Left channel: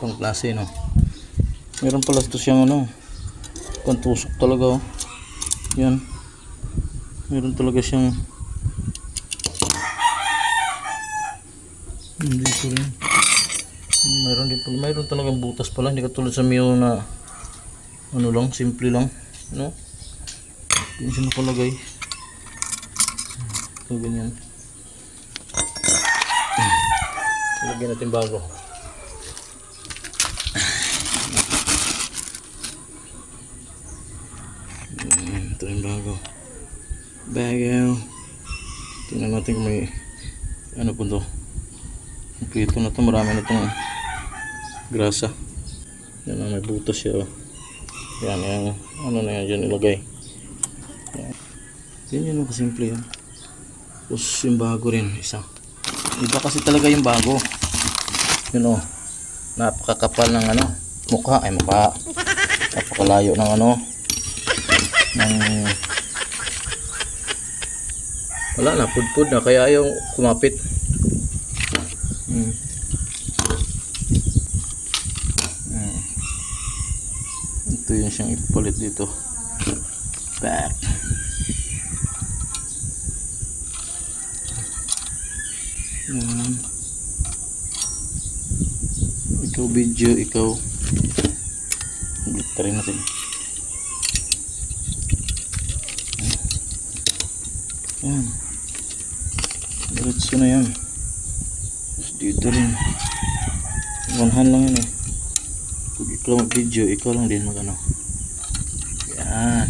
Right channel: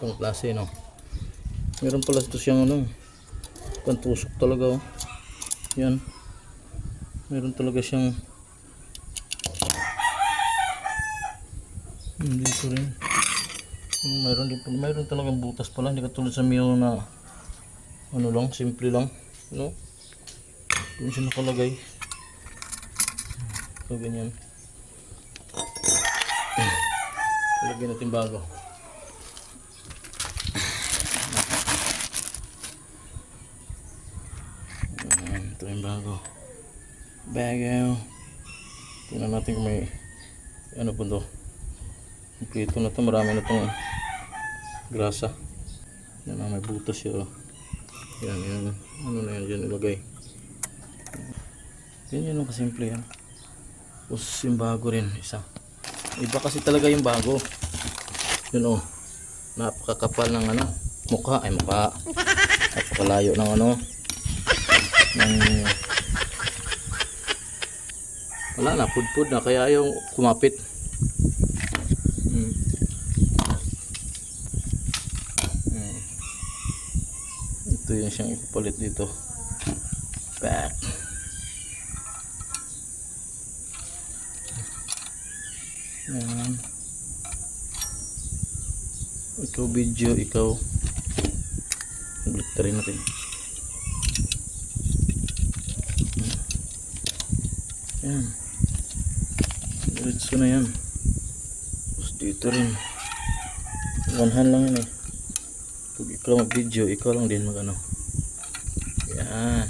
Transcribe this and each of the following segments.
Pang klase, no? Meron pala ito siyang ano, pantusok talaga, oh. Yan. Meron talaga siyang hindi ko rin. Meron talagang butas pala, hindi katulad sa Mio na ano lang, simple lang, no? Hindi siya nakalagay. So, ganyan. Lagyan natin bago. Ito yung bago. Bago. Tingnan natin kung may ano po ito. Kompleto na ito. Marami na itong grasa. Yan na, may butas siya. Yan, yan. Ano na yan dyan ilagay. Yan yun, kasimple yan. Tapos yung bago rin, isa. Iba kasi talaga yung bago. Yun o. Napakakapal ng ano. Mukha. Ay mukha. Napakalayo ng ano. Wala na. Pudpud na. Kaya ayaw kumapit. Ito yun siyang ipalit dito. Back. Yan. Ikaw video, ikaw balik rin natin. Yan. Diretso na yan. Tapos dito rin. One-hand lang yun eh. Pag ikaw video, ikaw lang din mag ano. Yan.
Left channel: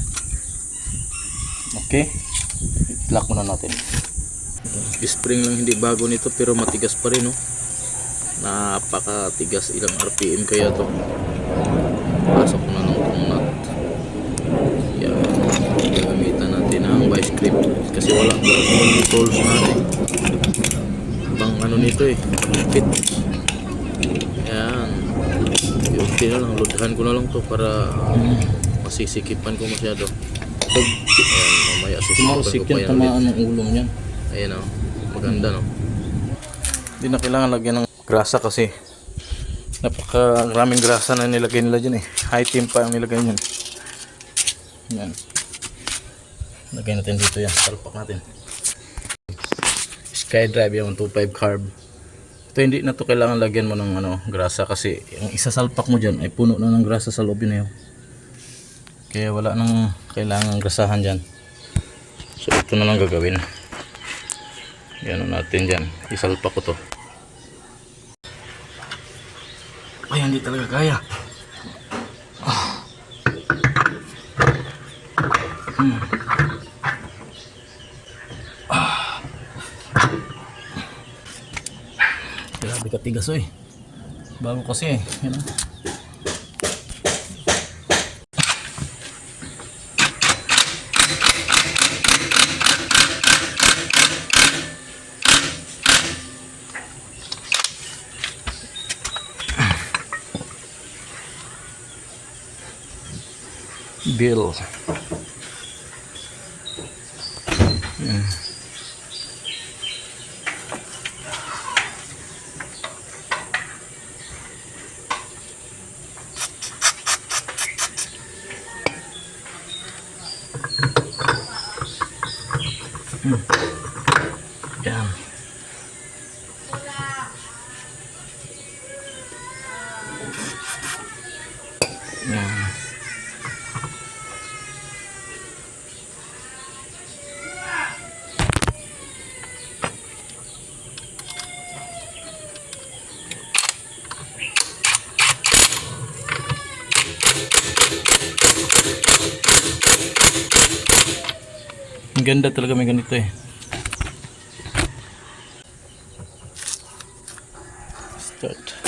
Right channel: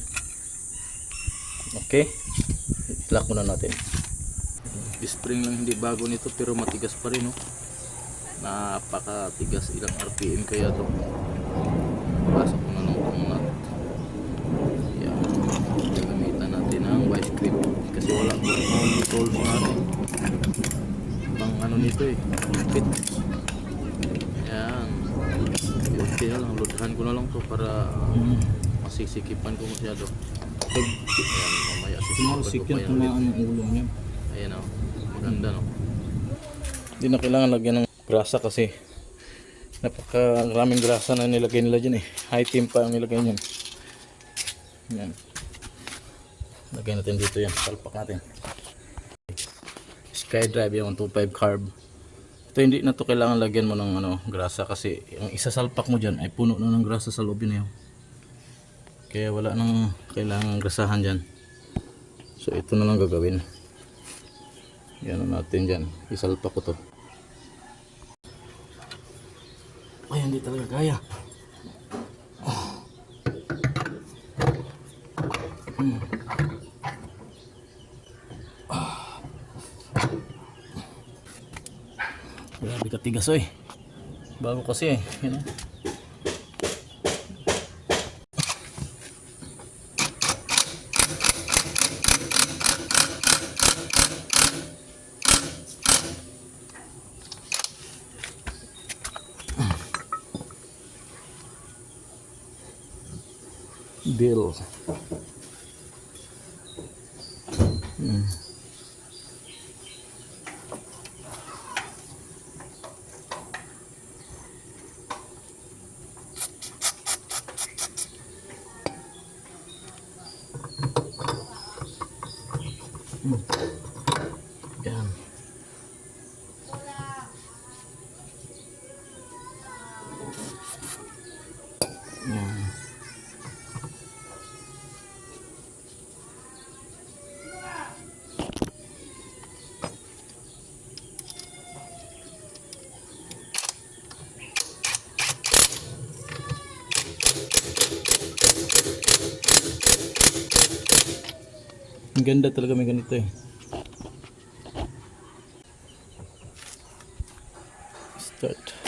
Okay. I-lock muna natin. Spring lang hindi bago nito pero matigas pa rin, no? Napakatigas. Ilang RPM kaya to. Pasok na ng nut. Yan. Gagamitan natin ang vice grip kasi wala tools natin. Bang ano nito eh, fit. Yan. Okay na lang, loadhan ko na lang to para masisikipan ko masyado. Ayan, mamaya sisikipan ko pa yan ulit. Ang ulong yan. Ayan o, maganda, no? Hindi na kailangan lagyan ng grasa kasi napakaraming grasa na nilagay nila dyan eh. High team pa ang nilagay nyo. Yan. Lagay natin dito yan, salpak natin. Skydrive yung 125 carb. Ito hindi na to kailangan lagyan mo ng ano, grasa kasi ang isasalpak mo dyan ay puno na ng grasa sa loob yun. Kaya wala nang kailangan grasahan dyan. So ito na lang gagawin. Yan natin dyan. Isalpak ko to. Ay hindi talaga kaya. Grabe katigas oy. Bago kasi eh. Yan o. Bill. Yan. Yan. Ang ganda talaga may ganito eh. Start.